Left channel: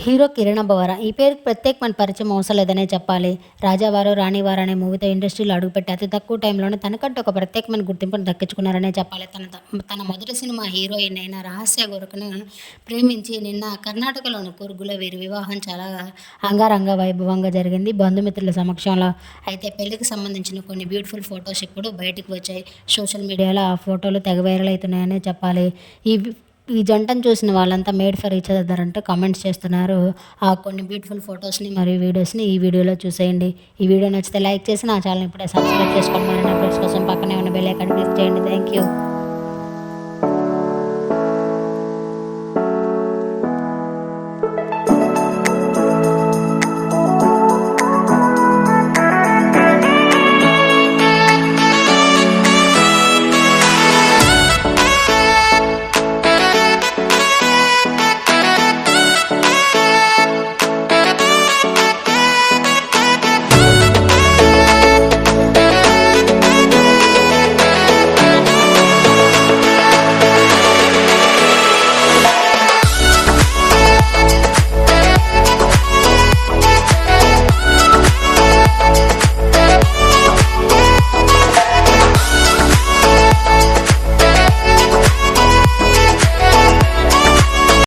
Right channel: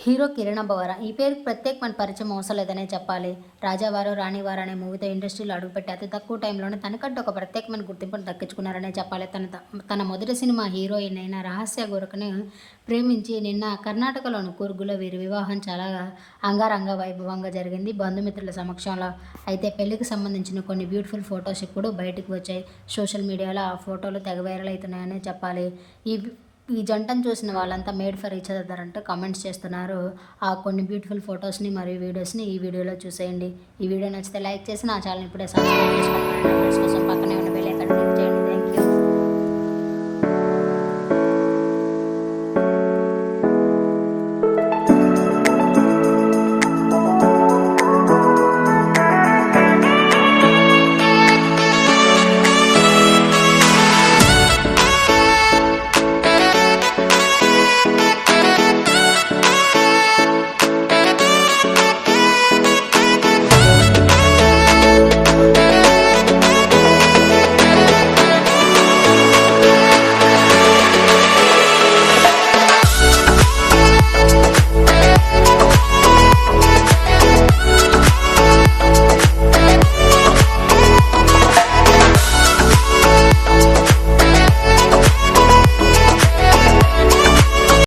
Hero Kiran Bora. ఈ పేరుకి ప్రత్యేకమైన పరిచయం అవసరం లేదనే చెప్పాలి. 'రాజావారు రాణివారు' అనే మూవీతో ఇండస్ట్రీలో అడుగుపెట్టి అతి తక్కువ టైంలోనే తనకంటూ ఒక ప్రత్యేకమైన గుర్తింపును దక్కించుకున్నారనే చెప్పాలి. తన మొదటి సినిమా హీరోయిన్ అయిన రహస్య గురకను ప్రేమించి నిన్న కర్ణాటకలోని కూర్గ్‌లో వీరి వివాహం చాలా అంగరంగ వైభవంగా జరిగింది బంధుమిత్రుల సమక్షంలో. అయితే పెళ్లికి సంబంధించిన కొన్ని బ్యూటిఫుల్ ఫోటోస్ ఇప్పుడు బయటికి వచ్చాయి. సోషల్ మీడియాలో ఆ ఫోటోలు తెగ వైరల్ అవుతున్నాయనే చెప్పాలి. ఈ ఈ జంటను చూసిన వాళ్ళంతా మేడ్ ఫర్ ఈచ్ అదర్ అంటూ కామెంట్స్ చేస్తున్నారు. ఆ కొన్ని బ్యూటిఫుల్ ఫోటోస్‌ని మరియు వీడియోస్‌ని ఈ వీడియోలో చూసేయండి. ఈ వీడియో నచ్చితే లైక్ చేసి నా ఛానల్‌ని ఇప్పుడే సబ్స్క్రైబ్ చేసుకోండి. మరిన్ని అప్డేట్స్ కోసం పక్కనే ఉన్న బెల్ ఐకాన్ క్లిక్ చేయండి. Thank you.